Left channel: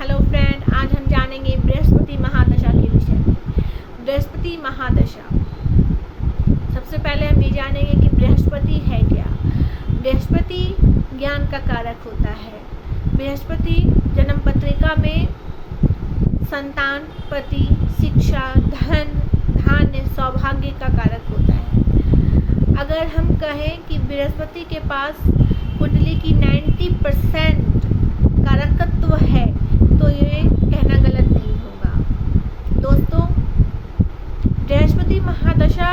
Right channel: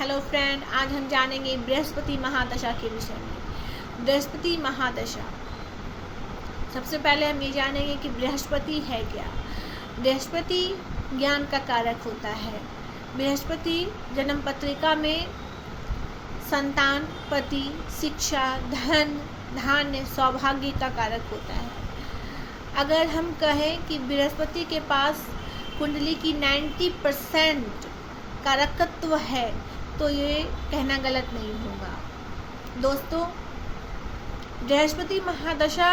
Hello friend, आज हम जानेंगे बृहस्पति महादशा के विषय में। बृहस्पति महादशा, सबसे पहले हम ये जानेंगे कि बृहस्पति है क्या। बृहस्पति ज्ञान का कारक होता है। बृहस्पति जन्म पत्रिका में संतान, पति, शिक्षा, धन, धान्य, सौभाग्य का कारक होता है। अगर हम कहें कि बृहस्पति के पास कुंडली की 90% कारकत्व है तो ये कहना गलत नहीं होगा। दोस्तों, बृहस्पति महादशा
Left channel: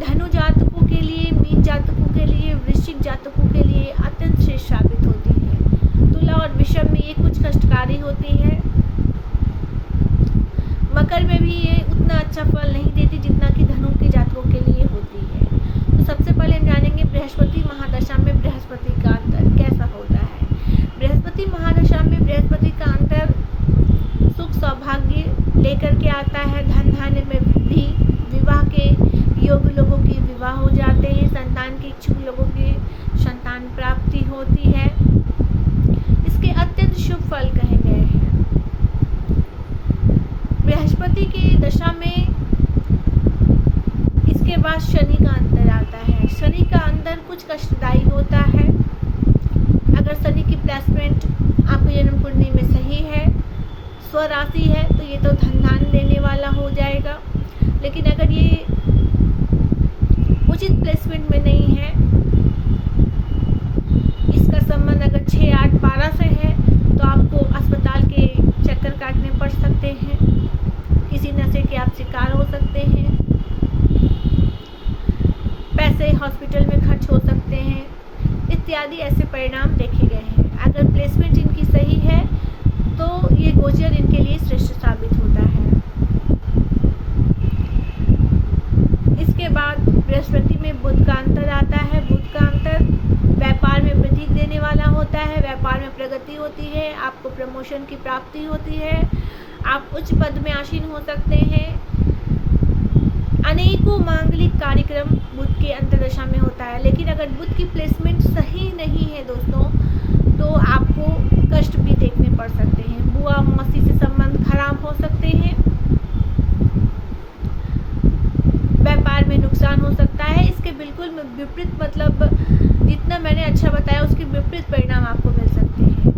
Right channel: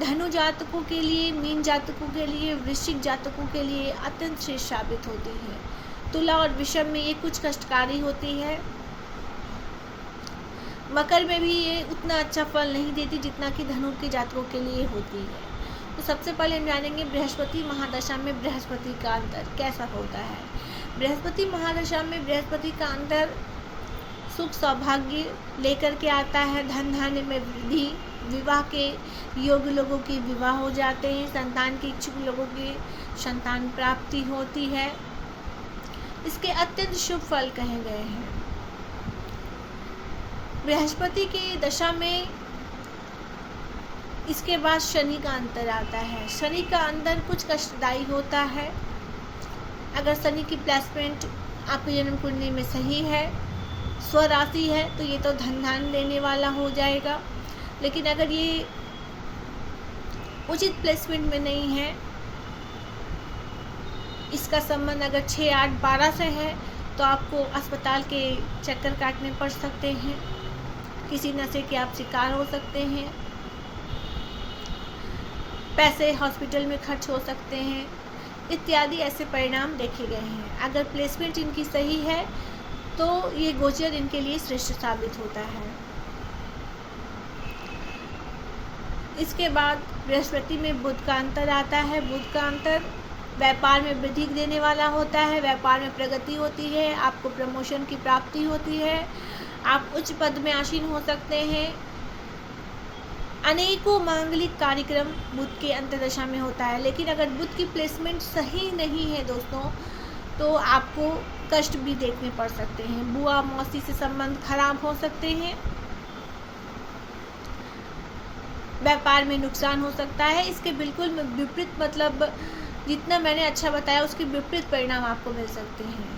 धनु जातकों के लिए, मीन जातकों के लिए, वृश्चिक जातकों के लिए अत्यंत श्रेष्ठ साबित होती है। तुला और वृषभ में ये कुछ कष्टकारी होती है। मकर में भी ये उतना अच्छा फल नहीं देती जितना कि धनु के जातकों के लिए होती है। तो सबसे पहले हम जानेंगे बृहस्पति महादशा में बृहस्पति का अंतर कैसा होता है। बृहस्पति महादशा में बृहस्पति का अंतर सुख सौभाग्य लेकर के आता है। धन धान्य में वृद्धि, विवाह के योग्य लोगों की विवाह हो जाते हैं, संतान के इच्छुक लोगों की संतान प्राप्ति होती है। इसके अत्यंत शुभ फल कहे गए हैं। बृहस्पति की दशा में इसके बाद शनि का अंतर आता है। शनि का अंतर कुछ कष्टदायी होता है। अगर शनि की प्लेसमेंट आपकी जन्म कुंडली में सही है, स्वराशि है, तो ये तो धन धान देने वाला हो जाएगा। लेकिन अगर ये उचित प्लेसमेंट में नहीं है, इसका संबंध अगर 6, 8, 12 से है तो आपको अस्पताल के चक्कर काटने पड़ सकते हैं, किसी नशे के आप शिकार हो सकते हैं, पैसे हॉस्पिटल में खर्च हो सकते हैं इत्यादि ऐसे परिणाम देखे गए हैं। अगर प्लेसमेंट इनकी सही है तो ये गोचर इनके लिए श्रेष्ठ साबित होता है। इसके बाद बृहस्पति में बुध का अंतर आता है। बुध का अंतर व्यापार में वृद्धि देने वाला होता है। व्यापार में प्रगति होती है, आपको प्रमोशन की प्राप्ति होती है, आप उच्च पद में आसीन हो सकते हैं। अनेकों मांगलिक कार्यक्रम बुध के अंतर्दशा में होता है। लेकिन अगर बुध की प्लेसमेंट सही नहीं है दोस्तों, तो आपको कष्ट भी देखने पड़ सकते हैं। बुआ मौसी से संबंध खराब हो सकते हैं, व्यापार में नुकसान हो सकता है। इसके बिल्कुल विपरीत, मतलब जितना मैंने अच्छा बताया उसके विपरीत परिणाम आपको मिल सकते हैं।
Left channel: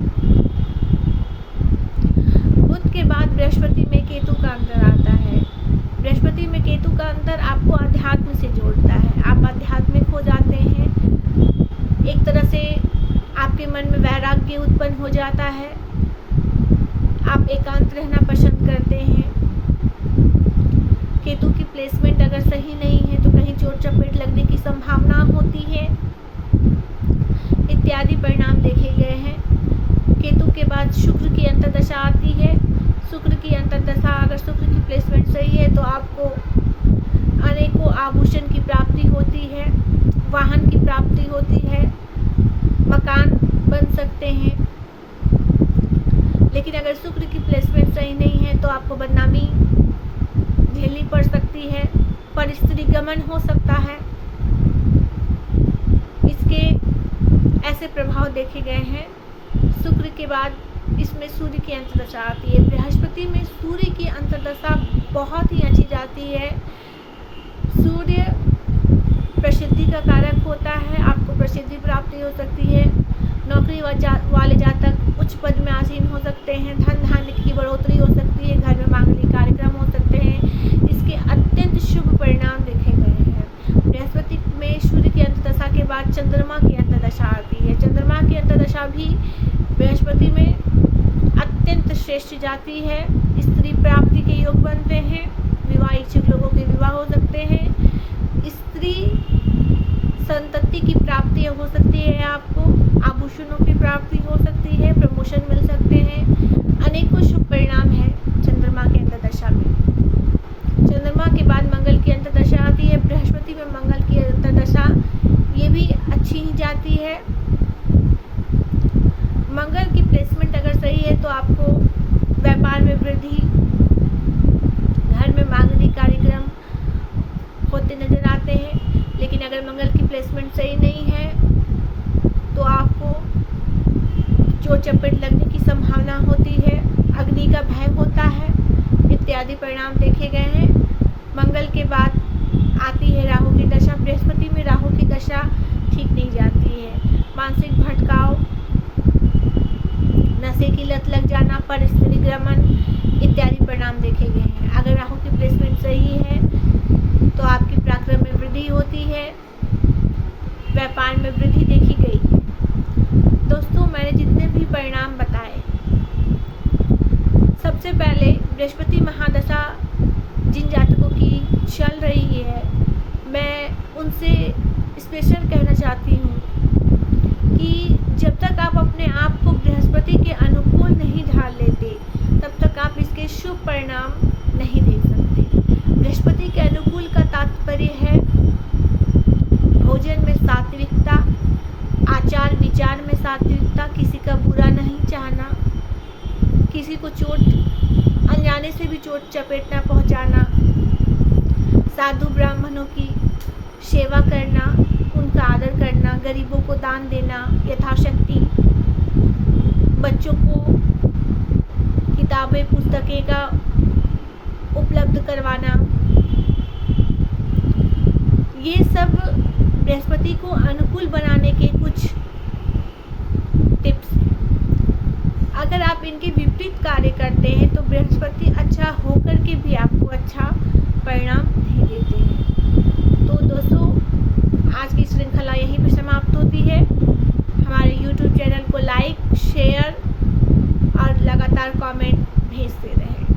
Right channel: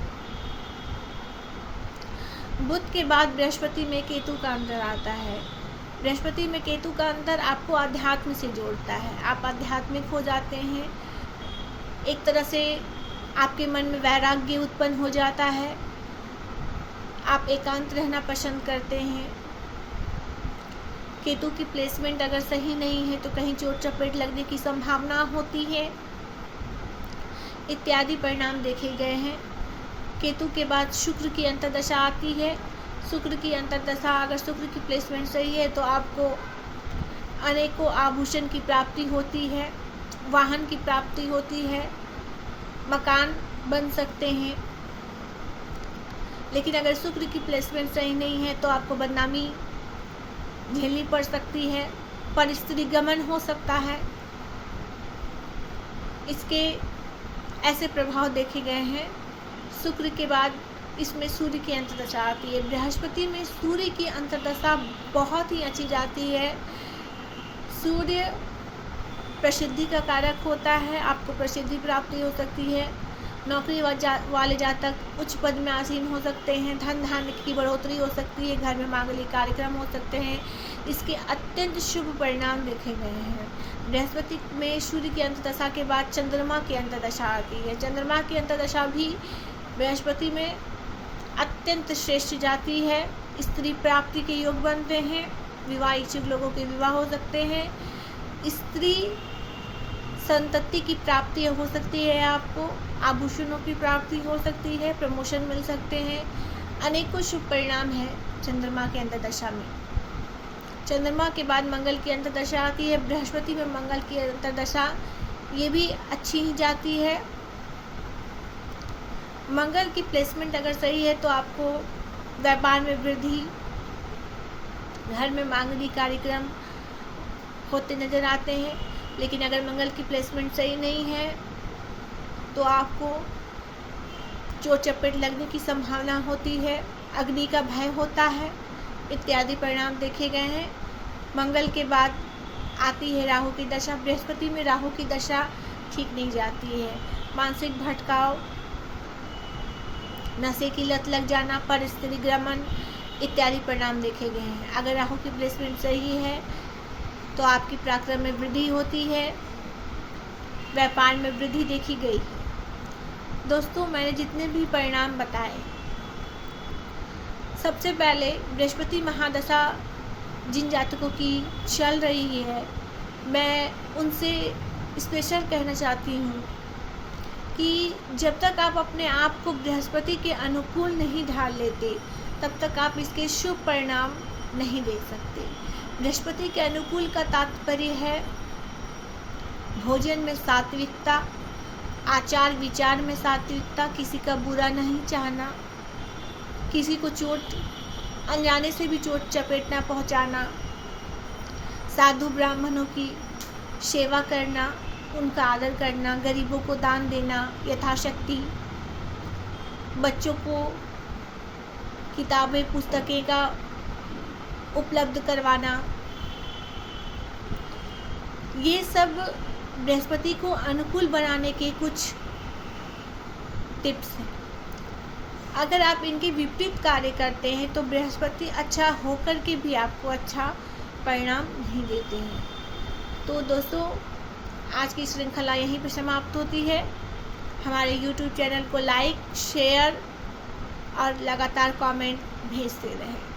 बुध के बाद बृहस्पति में केतु का अंतर आता है। बृहस्पति में केतु का अंतर आपको अध्यात्म से जोड़ता है। आप आध्यात्मिक हो जाते हैं, एक तरह से आपके मन में वैराग्य उत्पन्न हो जाता है, आप एकांत रहना पसंद करते हैं। केतु की प्लेसमेंट अगर सही नहीं है तो कहीं चोट चपेट लगने की संभावना होती है इत्यादि परिणाम देखे गए हैं। केतु के बाद शुक्र की अंतर्दशा आती है। शुक्र की अंतर्दशा, अगर शुक्र की प्लेसमेंट सही है तो आपको अनेकों आभूषण की प्राप्ति होती है, वाहन की प्राप्ति होती है, मकान बन सकते हैं। लेकिन अगर शुक्र की प्लेसमेंट सही नहीं है तो आपको बदनामी झेलनी पड़ सकती है, परिस्थिति गमन हो सकता है। इसके ऐसे प्रभाव देखे गए हैं। शुक्र के बाद इसमें सूर्य की अंतर्दशा आती है। बृहस्पति में सूर्य की अंतर्दशा बहुत ही अच्छी जाती है। सूर्य प्रसिद्धि का कारक होता है, आपको प्रसिद्धि प्राप्ति हो सकती है। नौकरी वाले जातक उच्च पद में आसीन हो सकते हैं, धन धान्य की बढ़ोतरी हो सकती है, घर में मांगलिक कार्यक्रम हो सकते हैं। इसके अत्यंत शुभ परिणाम देखे गए हैं। बृहस्पति में सूर्य की अंतर्दशा के बाद चंद्रमा की अंतर्दशा आती है। चंद्रमा की अंतर्दशा भी बृहस्पति में अत्यंत श्रेष्ठ जाती है। स्त्री प्राप्ति के योग बनते हैं, विवाह इच्छुक लोगों के विवाह हो सकते हैं, स्त्री संतति की प्राप्ति हो सकती है, आपको आभूषणों की प्राप्ति हो सकती है, प्रमोशन मिल सकते हैं। अनेकों शुभ परिणाम हैं चंद्रमा के अंतर्दशा में। चंद्रमा के बाद मंगल की अंतर्दशा आती है। बृहस्पति में मंगल की अंतर्दशा ये भी अच्छी ही जाती है। मंगल की प्लेसमेंट अगर सही है तो आपको व्यापार में वृद्धि, घर में मांगलिक कार्यक्रम होते नजर आते हैं। लेकिन अगर मंगल की प्लेसमेंट सही नहीं है तो आपको चोट चपेट लगने की संभावना होती है, अग्नि का भय होता है, इत्यादि परिणाम देखे गए हैं। मंगल के बाद आती है राहु की दशा। बृहस्पति में राहु की दशा ठीक नहीं जाती है। मानसिक भटकाव, नशे की लत लग जाना, परिस्थितिक्रमण इत्यादि परिणाम देखे गए हैं। अगर राहु की प्लेसमेंट सही है तो आपकी पराक्रम में वृद्धि होती है, व्यापार में वृद्धि देखी गई। दोस्तों, मैंने जितने भी परिणाम बताए, सबसे पहले बृहस्पति महादशा जिन जातकों की चल रही है, मैं उनसे स्पेशल कहना चाहती हूँ कि जब तक आप अपने आप को बृहस्पति के अनुकूल नहीं ढाल लेते, तब तक आप इसके शुभ परिणाम नहीं देख सकते। बृहस्पति के अनुकूल का तात्पर्य है भोजन में सात्विकता, आचार विचार में सात्विकता, किसी का बुरा नहीं चाहना, किसी को चोट अनजाने से भी चोट चपेट न पहुंचाना, साधु ब्राह्मणों की सेवा करना, उनका आदर करना, गरीबों को दान देना यथाशक्ति, बच्चों को किताबें पुस्तकें का उपलब्ध करवाना, ये सब बृहस्पति को अनुकूल बनाने के कुछ टिप्स। अगर आप इनके विपरीत कार्य करते हैं तो बृहस्पति अच्छा होकर के भी आपको अच्छा परिणाम नहीं देते हैं। तो दोस्तों, आज की श्रृंखला यहीं पर समाप्त होती है। हमारे YouTube चैनल को लाइक, शेयर और लगातार कमेंट भेजते रहें।